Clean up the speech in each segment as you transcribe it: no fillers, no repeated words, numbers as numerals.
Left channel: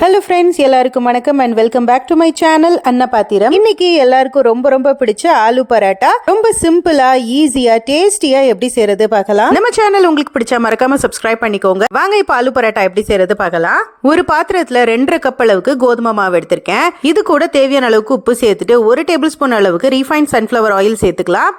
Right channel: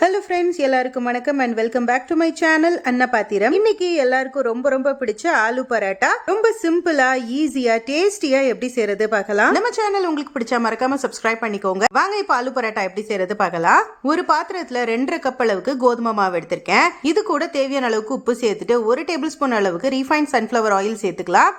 Hello friends, எல்லாருக்கும் வணக்கம் and welcome back to my channel Anna Pathiram. இன்னைக்கு எல்லாருக்கும் ரொம்ப ரொம்ப பிடிச்ச ஆலு பராட்டா ரொம்ப சிம்பிளா ஈஸியா டேஸ்டியா எப்படி செய்யறது பார்க்கலாம். நம்ம சேனல் உங்களுக்கு பிடிச்சா மறக்காம சப்ஸ்கிரைப் பண்ணிக்கோங்க. வாங்க இப்ப ஆலு பராட்டா எப்படி செய்யறது பார்க்கலாம். ஒரு பாத்திரத்துல 2.5 கப் அளவுக்கு கோதுமை மாவு எடுத்திருக்கேன். இது கூட தேவையான அளவுக்கு உப்பு சேர்த்துட்டு 1 டேபிள் ஸ்பூன் அளவுக்கு ரீஃபைண்ட் சன்ஃபிளவர் ஆயில் சேர்த்துக்கலாம்.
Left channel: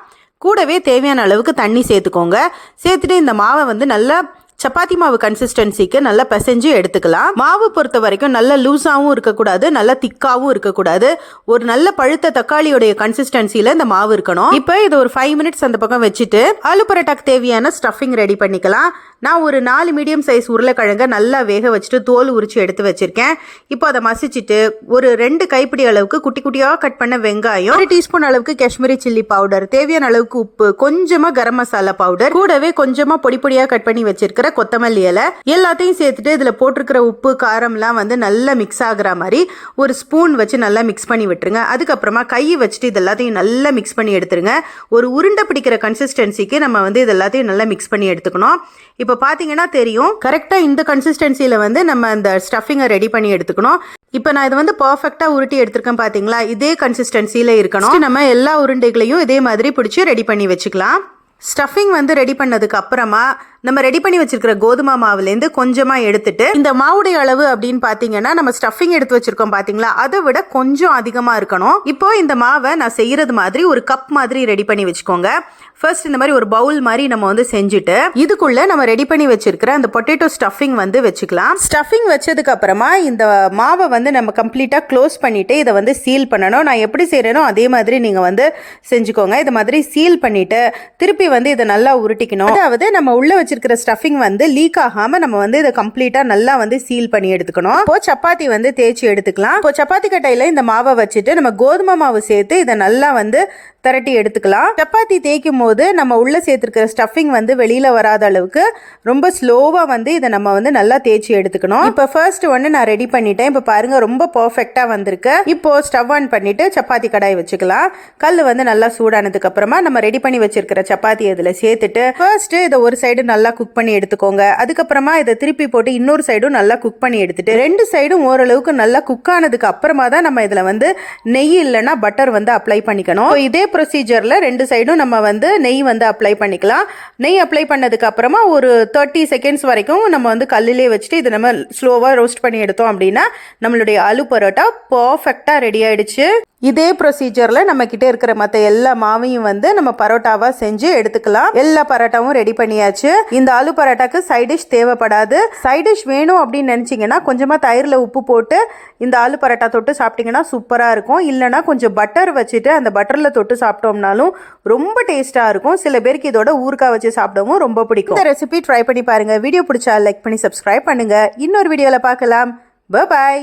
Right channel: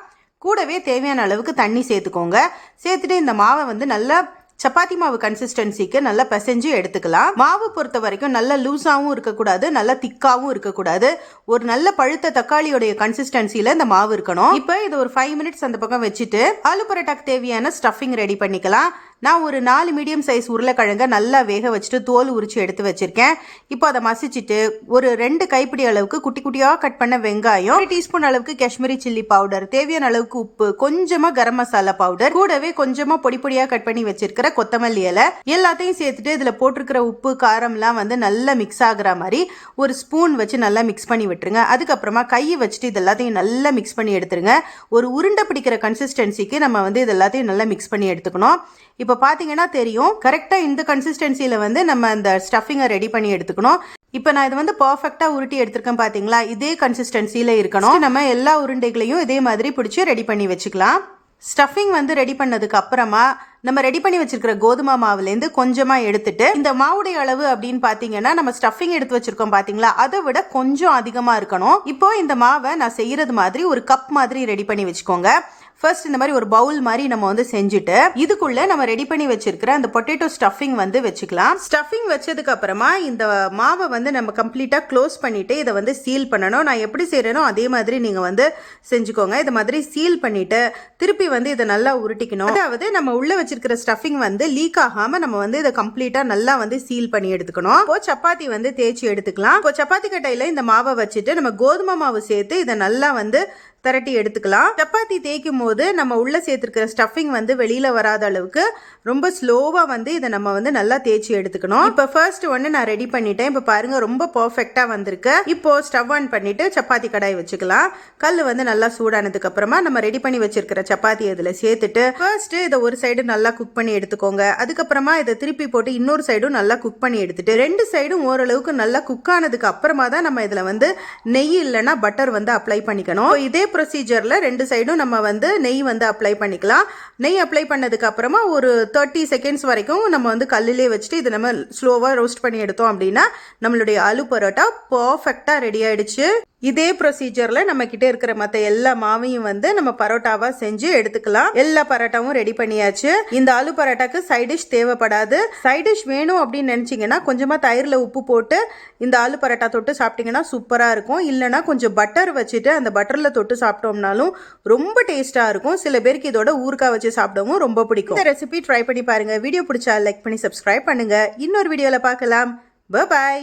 கூடவே தேவையான அளவுக்கு தண்ணி சேர்த்துக்கோங்க. சேர்த்துட்டு இந்த மாவை வந்து நல்லா சப்பாத்தி மாவு கன்சிஸ்டன்சிக்கு நல்லா பிசைஞ்சு எடுத்துக்கலாம். மாவு பொறுத்த வரைக்கும் நல்ல லூஸாவும் இருக்கக்கூடாது, நல்ல திக்காவும் இருக்கக்கூடாது. ஒரு நல்ல பழுத்த தக்காளியோடைய கன்சிஸ்டன்சில இந்த மாவு இருக்கணும். இப்போ இது ஒரு 5 மினிட்ஸ் அந்த பக்கம் வச்சுட்டு ஆலு பரோட்டாக்கு தேவையான ஸ்டஃபிங் ரெடி பண்ணிக்கலாம். நான் ஒரு 4 மீடியம் சைஸ் உருளைக்கிழங்க நல்லா வேக வச்சுட்டு தோல் உரிச்சு எடுத்து வச்சிருக்கேன். இப்போ அதை மசிச்சுட்டு ஒரு 2 கைப்பிடி அளவுக்கு குட்டி குட்டியா கட் பண்ண வெங்காயம், 1 டீஸ்பூன் அளவுக்கு காஷ்மீரி சில்லி பவுடர், தேவையான அளவுக்கு உப்பு, கொஞ்சமா கரம் மசாலா பவுடர், கூடவே கொஞ்சமா பொடி பொடியா கட் பண்ணி வச்சிருக்கிற கொத்தமல்லி இலை எல்லாத்தையும் சேர்த்துட்டு இதுல போட்டிருக்கிற உப்பு காரம்லாம் வந்து நல்லா மிக்ஸ் ஆகுற மாதிரி ஒரு ஸ்பூன் வச்சு நல்லா மிக்ஸ் பண்ணி விட்டுருங்க. அதுக்கப்புறமா கையை வச்சுட்டு இது எல்லாத்தையும் நல்லா மிக்ஸ் பண்ணி எடுத்துருங்க. ஒரு உருண்டை பிடிக்கிற கன்சிஸ்டன்சிக்கு நம்ம வந்து இது எல்லாத்தையும் நல்லா மிக்ஸ் பண்ணி எடுத்துக்கணும். இப்போ பார்த்தீங்கன்னா தெரியும், கரெக்டாக இந்த கன்சிஸ்டன்சியில் வந்து நம்ம இந்த ஸ்டஃபிங்கை ரெடி பண்ணி எடுத்துக்கணும். இப்போ நான் இதை வந்து பர்ஃபெக்டாக உருட்டி எடுத்திருக்கேன் பார்த்தீங்களா, இதே கன்சிஸ்டன்சியில் இருக்கணும். நம்ம எல்லா உருண்டைகளையும் இதே மாதிரி பிடிச்சி ரெடி பண்ணி வச்சுக்கலாம். ஸ்டஃபிங் வந்து ரெடி பண்ணதுக்கு அப்புறமா நம்ம ரெடி பண்ணி வச்சிருக்கிற கோதுமை மாவுலேருந்து கொஞ்சமாக எடுத்துட்டு, இந்த மாவுடைய அளவு அப்படின்னு பார்த்தீங்கன்னா நம்ம ஸ்டஃபிங் எடுத்து வச்சிருக்கோம் பார்த்தீங்களா, அதை விட கொஞ்சம் அதிகமாக இருக்கணும். இப்போ இந்த மாவை நான் செய்யறது மாதிரி ஒரு கப் மாதிரி ரெடி பண்ணி வச்சுக்கோங்க. ஃபர்ஸ்ட் இந்த மாதிரி ஒரு பவுல் மாதிரி நம்ம வந்து செஞ்சுட்டு இதுக்குள்ள நம்ம ரெடி பண்ணி வச்சிருக்கிற அந்த பொட்டேட்டோ ஸ்டஃபிங் வந்து வச்சுக்கலாம். ஸ்டஃபிங் வச்சதுக்கு அப்புறமா இந்த மாவை வந்து நம்ம கம்ப்ளீட்டா க்ளோஸ் பண்ணிட்டு இதை வந்து சீல் பண்ணணும். நான் எப்படி செய்யறேனோ அதே மாதிரி நீங்க வந்து செஞ்சுக்கோங்க. இதை மாதிரி சீல் பண்ணிட்டு திருப்பி வந்து இதை நல்லா உருட்டிக்கணும். அதாவது நம்ம உள்ள வச்சிருக்கிற ஸ்டஃபிங் வந்து லீக் ஆகாம நம்ம வந்து இதை கம்ப்ளீட்டா நல்லா வந்து சீல் பண்ணி எடுத்துக்கணும். இப்போ சப்பாத்தி வந்து தேய்ச்சி எடுத்துக்கலாம். இப்போ சப்பாத்தி கட்டையில இந்த மாவை வச்சுட்டு நம்ம கோதுமை மாவு சேர்த்து இதை நல்லா வந்து திரட்டி எடுத்துக்கலாம். சப்பாத்தி தேய்க்கும் போது நம்ம உள்ள சேர்த்துருக்கிற ஸ்டஃபிங் வந்து வெளியில வராத அளவுக்கு ரொம்ப ஸ்லோவா வந்து இதை நம்ம வந்து நல்லா தேய்ச்சி எடுத்துக்கணும். இப்போ ஃபர்ஸ்ட் ஒன்று நான் ரெடி பண்ணிட்டேன். இப்போ பாருங்க ரொம்ப பர்ஃபெக்டா வந்திருக்கு. இப்போ ஸ்டவ் ஆன் பண்ணிட்டு சப்பாத்தி கடாய் வச்சுக்கலாம். கல் வந்து நல்லா சூடானதுக்கு அப்புறமா நம்ம ரெடி பண்ணி வச்சிருக்கிற சப்பாத்தி இதுல சேர்த்துட்டு ஃபர்ஸ்ட் இதை ஒரு சைடு நல்லா குக் பண்ணி எடுத்துக்கோங்க. அதுக்கப்புறமா இதை திருப்பி போட்டு இன்னொரு சைடும் நல்லா குக் பண்ணி எடுத்துட்டு 2 சைடும் ஓரளவுக்கு நல்லா குக் ஆனதுக்கு அப்புறமா தான் நம்ம இதுல வந்து நெய் இல்லைன்னா பட்டர் வந்து அப்ளை பண்ணிக்கணும். இதே ப்ரொசீஜர்ல 2 சைடும் நம்ம வந்து நெய் வந்து அப்ளை பண்ணிக்கலாம். நெய் அப்ளை பண்ணதுக்கு அப்புறமா ஒரு 30 செகண்ட்ஸ் வரைக்கும் நம்ம வந்து கல்லிலே வச்சுட்டு இதை நம்ம ஸ்லோவா ரோஸ்ட் பண்ணி எடுத்தோம் அப்படின்னா நம்மளுடைய ஆலு பரோட்டா பர்ஃபெக்டா ரெடி ஆயிடுச்சு. இதே ப்ரொசீஜர்ல நம்ம கிட்ட இருக்கிற மற்ற எல்லா மாவையும் வந்து நம்ம பரோட்டாவா செஞ்சு எடுத்துக்கலாம். எல்லா பரோட்டாவும் ரெடி பண்ணியாச்சு. இந்த ஆலு பரோட்டாக்கு சைட் டிஷ் தேவைப்படாது. சைட் டிஷ் வேணும் அப்படின்னு நினைச்சீங்கன்னா கொஞ்சமா தயிர்ல உப்பு போட்டு இந்த ஆலு பரோட்டா தொட்டு சாப்பிட்டீங்கன்னா சூப்பரா இருக்கும். இல்லைன்னா கொஞ்சம் பட்டர் வச்சுட்டு அந்த பட்டர்ல தொட்டு சாப்பிட்டோம்னாலும் ரொம்ப டேஸ்டா இருக்கும். சில பேருக்கு இதோட ஊறுகாய் வச்சு சாப்பிடவும் ரொம்ப பிடிக்கும். இந்த ரெசிபி ட்ரை பண்ணி பாருங்க. வீடியோ பிடிச்சா லைக் பண்ணி சப்ஸ்கிரைப் பண்ணுங்க. இன்னொரு வீடியோல பார்க்கலாம். Bye bye.